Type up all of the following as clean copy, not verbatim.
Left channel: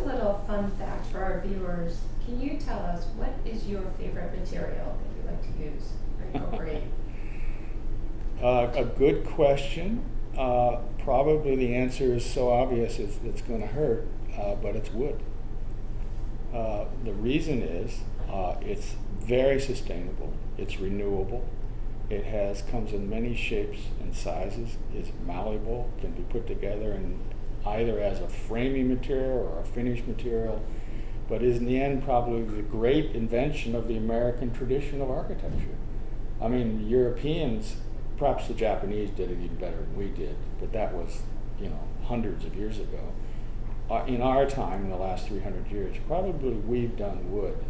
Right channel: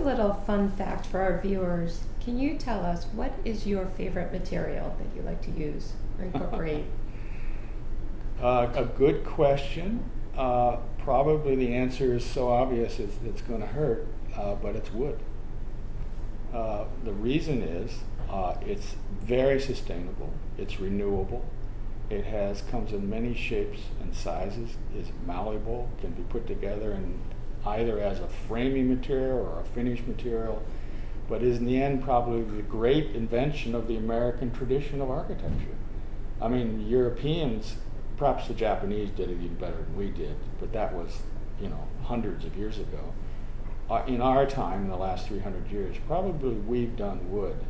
a little fun fact for our viewers. Can you tell us what is your favorite material that you like to use or incorporate? A good question. Probably the answer is so obvious it's going to hurt, but it's wood. The reason is it's very sustainable, it's renewable, comes in many shapes and sizes, is malleable, can be put together either as a framing material or a finished material, but is in the end probably the great invention of the American tradition of architecture. I mean, Europeans, perhaps the Japanese did it even better than we did, but that was, hundreds of years ago. In our time, in the last 300 years, probably we've done wood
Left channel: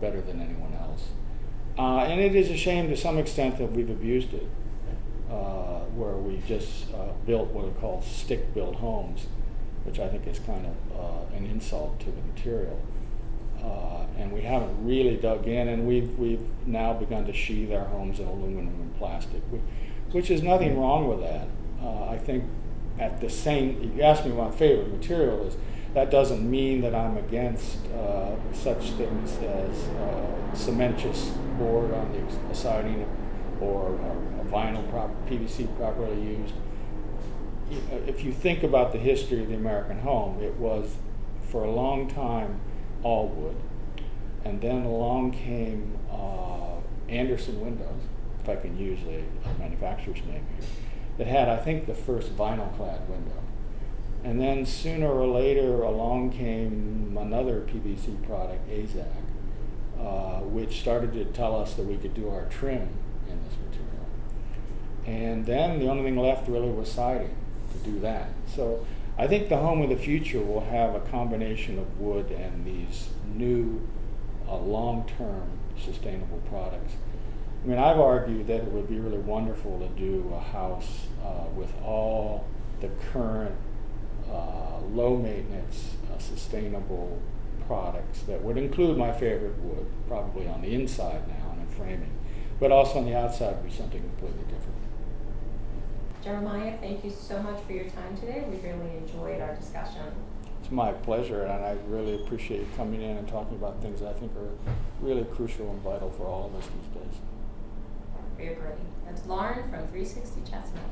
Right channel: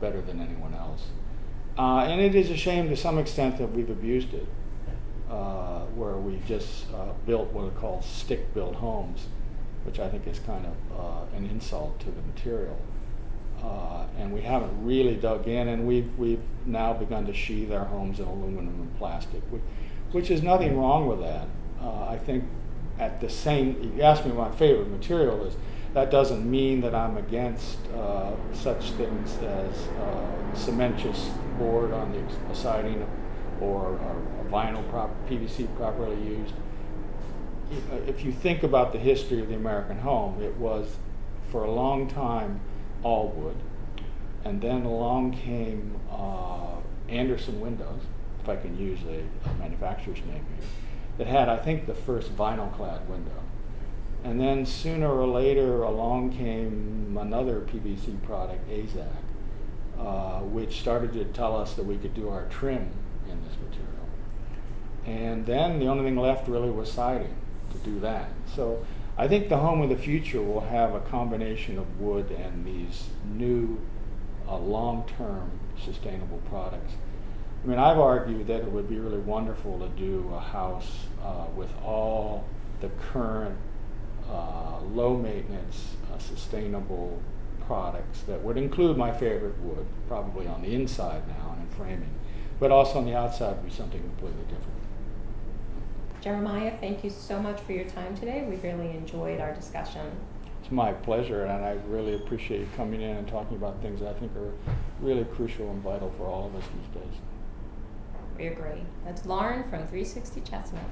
better than anyone else. And it is a shame to some extent that we've abused it, where we just built what are called stick-built homes, which I think is kind of an insult to the material. And we haven't really dug in, and we've now begun to sheathe our homes in aluminum and plastic, which is nothing wrong with that. I think you asked me what my favorite material is, that doesn't mean that I'm against such things as cementitious board on the siding or a vinyl PVC properly used. If you think about the history of the American home, it was for a long time all wood, and then along came Anderson Windows, if I can use a manufacturer's name here, that had, I think, the first vinyl-clad window. And then sooner or later along came another PVC product, AZAC, which started to tell us that we could do our trim in this material. And then the only thing left really was siding to do that. So I think the home of the future will have a combination of wood and these new long-term sustainable products. I mean, I've argued that it would be really wonderful to do a house with all the current low-maintenance, sustainable products that would include my favorite wood, probably on the inside now and in framing, but also on the outside would be something completely different. Jeremiah, thank you so much for your time today. We really enjoyed our discussion. It's my pleasure, and I really appreciate you coming in and talking about things that I think are really crucial and vital for all of us these days. We agree. That's Lauren from 360 Chestnut.